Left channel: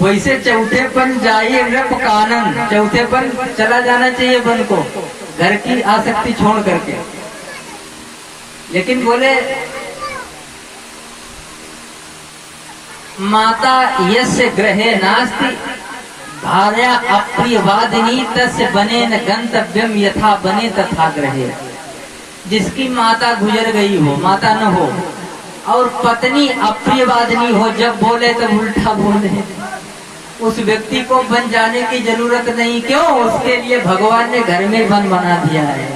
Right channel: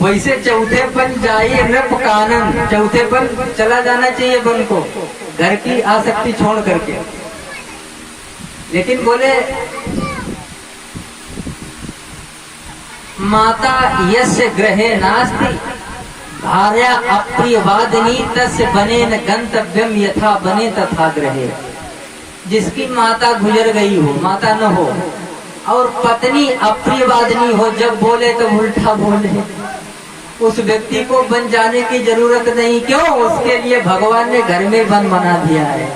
वैसे चौथेपन जाइए नृप कानन, चौथेपन चला जाना चाहिए वन को, घर की आसक्ति छोड़ करके। लेकिन बोले माता यस्य गृहे नास्ति भार्या अप्रियवादिनी तस्य बने न गंतव्यम यथा बने तथा गृहे। जिसकी माता गुजर गई हो, माता न हो, और पत्नी अप्रियवादिनी हो, जब बोले तो उल्टा बोले, उस व्यक्ति को बन जाने की जरूरत नहीं। क्यों? उसके लिए भगवान ने घर में वन बना दिया है।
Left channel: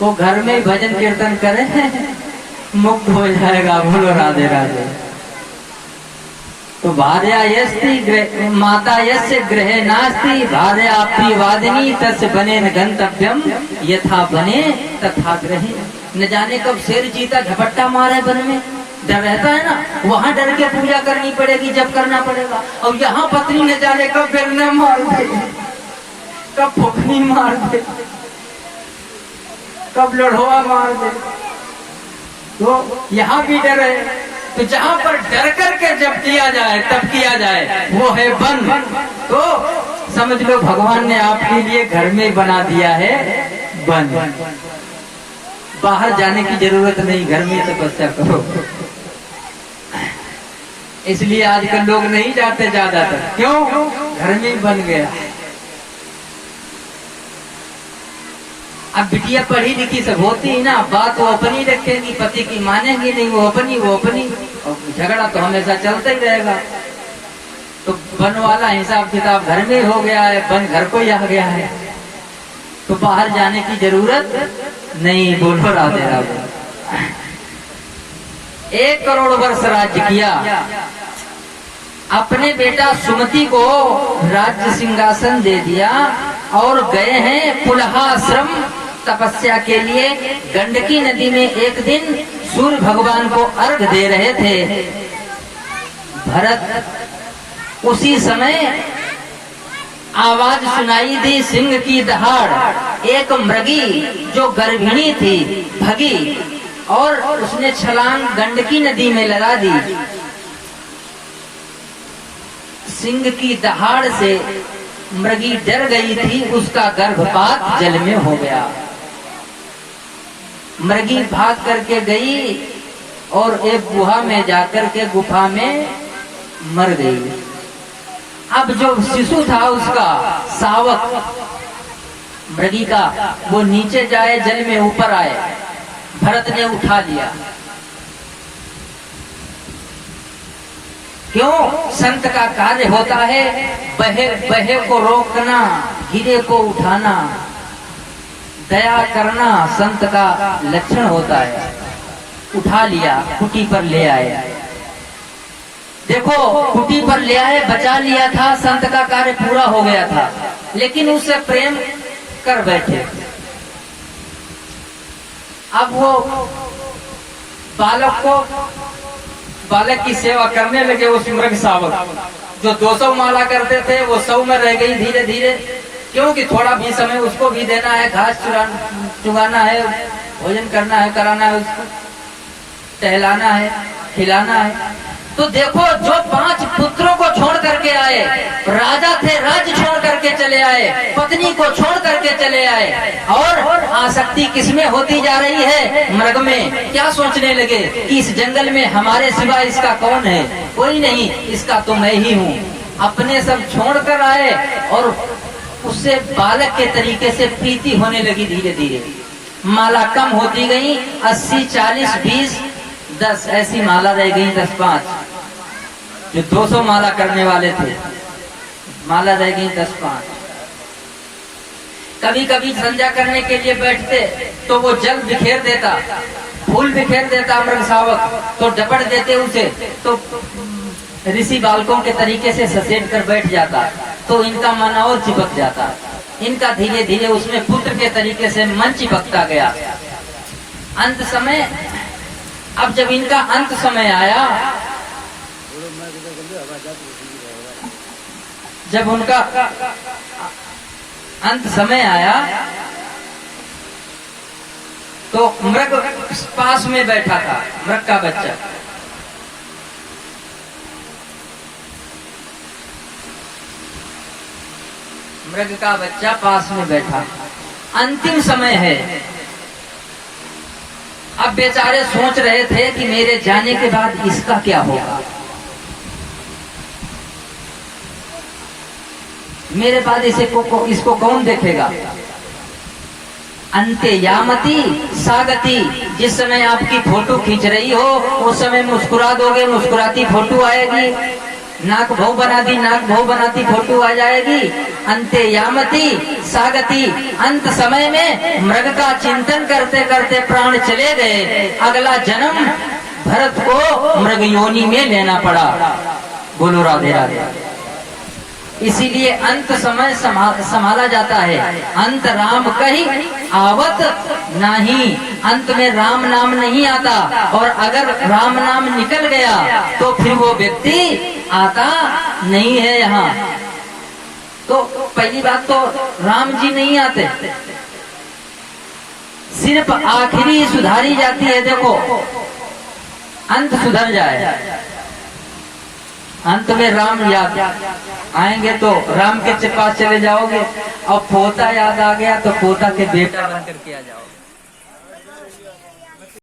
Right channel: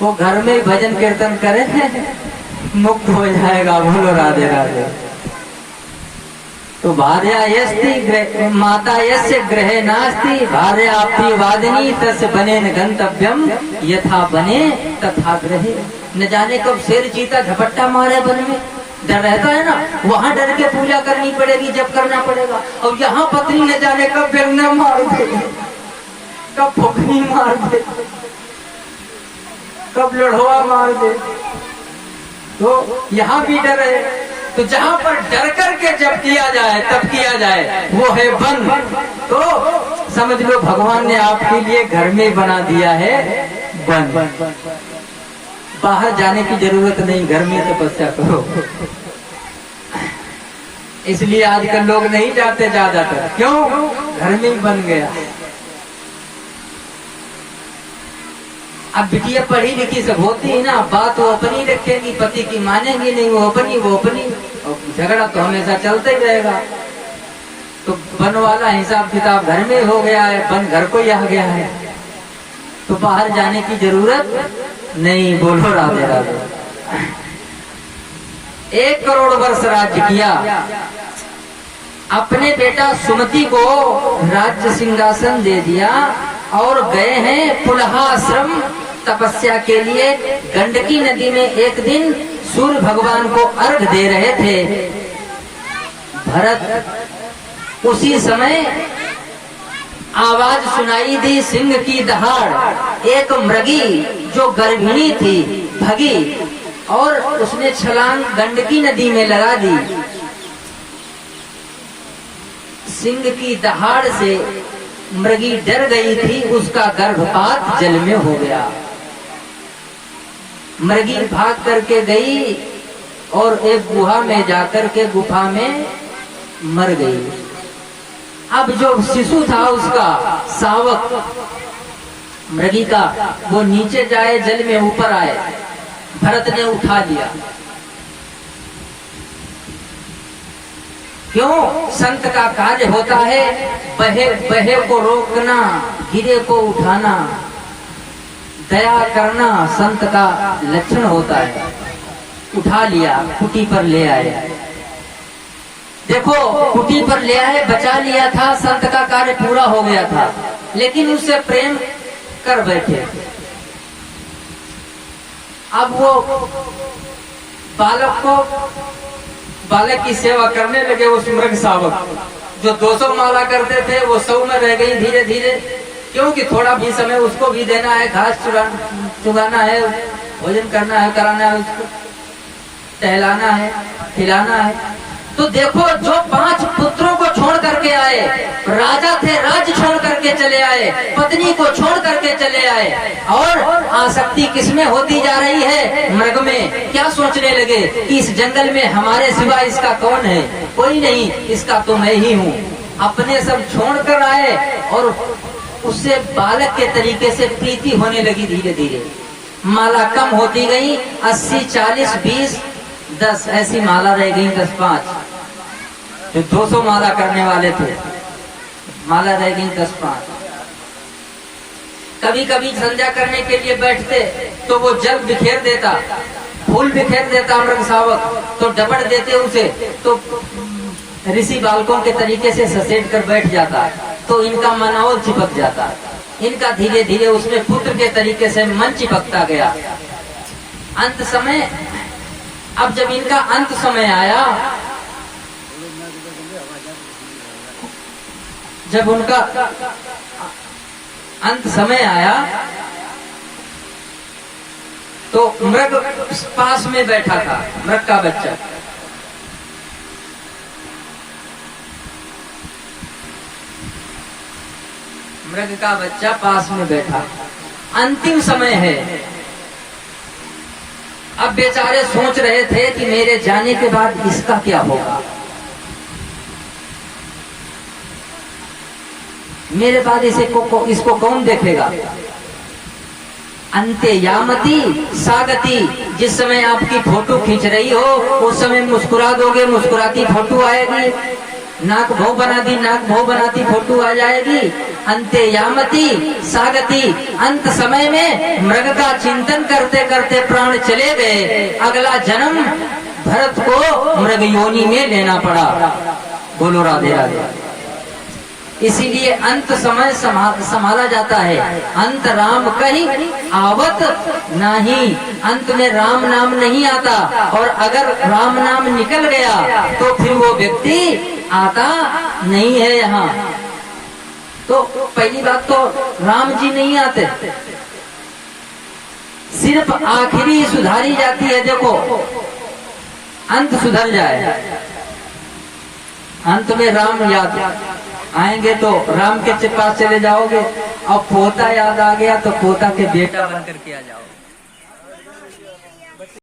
वो घर में भजन कीर्तन करे, मुक्त हो जाएगा। बोलो राधे राधे। तो भार्या यस्ति माता यस्य गृहे नास्ति भार्या अप्रियवादिनी तस्य बने न गंतव्यम यथा बने तथा गृहे। न जाने कब शेर चीता झपट्टा मारे वन में, डर रहता है ना, वहाँ डर के पूजा करनी पड़ेगी जब करना पड़ेगा। और यहाँ पत्नी न जाने कब बेलना मार दे, कब फुकनी मार दे, कब लड़ोआ मार दे, तो यहाँ भी डर है। तो जहाँ पर डर करके जब किया जाए तब किया जाए, वो है वन। तो समझ लो भगवान ने आपके लिए घर में बना दिया है वन। बाहर जाने की जरूरत नहीं, घर में तपस्या करो। इसलिए आजकल लोग नहीं जाते ज्यादातर। क्यों? घर में ही बन गया। अब बिटिया पढ़ी लिखी सब होती है ना, बात वो अपनी रखेगी, पति की मानेगी नहीं, वो अपनी, और झगड़ा तो हमेशा चलता ही रहेगा। तो वन वाला हिसाब किताब घर में हो गया है, वन घर को ही आ गया है, तो बाहर जाने की जरूरत नहीं। बोलो राधे राधे। 1 करोड़ वर्ष राज्य किया, अपने बेटा सुमति को राज्य सिंहासन दे दिया और गए हैं पुलहाश्रम तपस्या के लिए। गंडकी नदी में एक दिन सूर्य भगवान को अर्घ दे रहे थे भरत। उसी समय आवाज सुनाई दी सिंह की दहाड़। एक मृगी जो गर्भिणी थी भगी और उसने छलांग गंडकी नदी में लगा दी। सिंह की दहाड़ से मृगी डर गई थी, उसका गर्भपात जल में हो गया। मृगी भाग करके गई और एक गुहा में जाकर के गुफा में मर गई। अब जो शिशु था उसका शावक मृगी का, वो नीचे जाए जल में ऊपर आए, भरत ने उठा लिया। क्यों? संत का कार्य होता है बहे को रोकना, गिरे को उठाना, दया करना संत का लक्षण होता है। उठा लिया, कुटी पर ले आए। देखो कुटी पर ले आए, बचा लिया था, संत का कार्य पूरा हो गया था। लेकिन उससे प्रेम कर बैठे। अब वो बालक की सेवा करने लगे। उस मृग शावक जो 200 माला करते थे वो 100 में रह गई धीरे धीरे। क्योंकि थोड़ा भी समय उसको भी देना है, घास चुगाना है, भोजन करना है, कराना है, उसको टहलाना है, खिलाना है। तो देखो जो 5 पुत्रों को छोड़ करके आए, राजा थे, राज्य छोड़ करके चले आए, पत्नी को छोड़ करके चले आए, और आसक्ति किसमें होती जा रही है? मृग में। क्या सोचने लगे कि इस जंगल में हमारे सिवा इसका कौन है? कोई नहीं, इसका तो मैं ही हूँ। अपने सब छोड़ कर आए और उससे बालक के तरीके से प्रीति होने लगी। धीरे धीरे माला कम होती गई, 80, 40, 20, 10 ऐसी माला रह गई। 10, 5 जो 200 माला करने वाले थे, माला रह गई 10, 5। कभी कभी संध्या करने के लिए बैठते तो वो जल बिखेर देता, फूल बिखेर देता मृग शावक, तो डपट देते उसे, तो ऋषि बालकों के तरीके से ससेट कर बैठ जाता, तो इनका मन और चिपक जाता। इनका धीरे धीरे उसमें पुत्र के तरीके से मन चिपकता गया। अंत समय, अब जब इनका अंत समय आया, जब उनका अंत समय आया तो मृग पास में बैठा था, मृग का बच्चा। मृग का बच्चा पास में बैठा, अंतिम समय है। अब बेचारे सोच रहे थे कि मेरे जाने के बाद इसका क्या होगा, मेरे बाद इसको कौन देखेगा। अंते यामती सागती, जिस समय आपकी फोटो खींच रही हो उस समय मुस्कुरा दोगे, मुस्कुराती फोटो आएगी, नाक भौ बना दी, नाक भौ बनाती फोटो आ जाएगी। अंते यामती सागती, अंत समय में मृग का चिंतन करते करते प्राण चले गए, अगला जन्म भरत को मृग योनि में लेना पड़ा। बोलो राधे राधे। इसीलिए अंत समय संभाला जाता है, अंत राम कही आवत नहीं, अंत में राम नाम नहीं आता, और अगर राम नाम निकल गया तो फिर वो व्यक्ति आता नहीं है यहाँ। तो पहली बात तो राम जी नहीं आते, सिर्फ आखिरी सुधारी जाती है। देखो अंत सुधर जाए, अंत में राम याद आएंगे तो राम के पास चले जाओगे, और पोता याद आ गया तो पोता के बेटा बन करके आ जाओगे।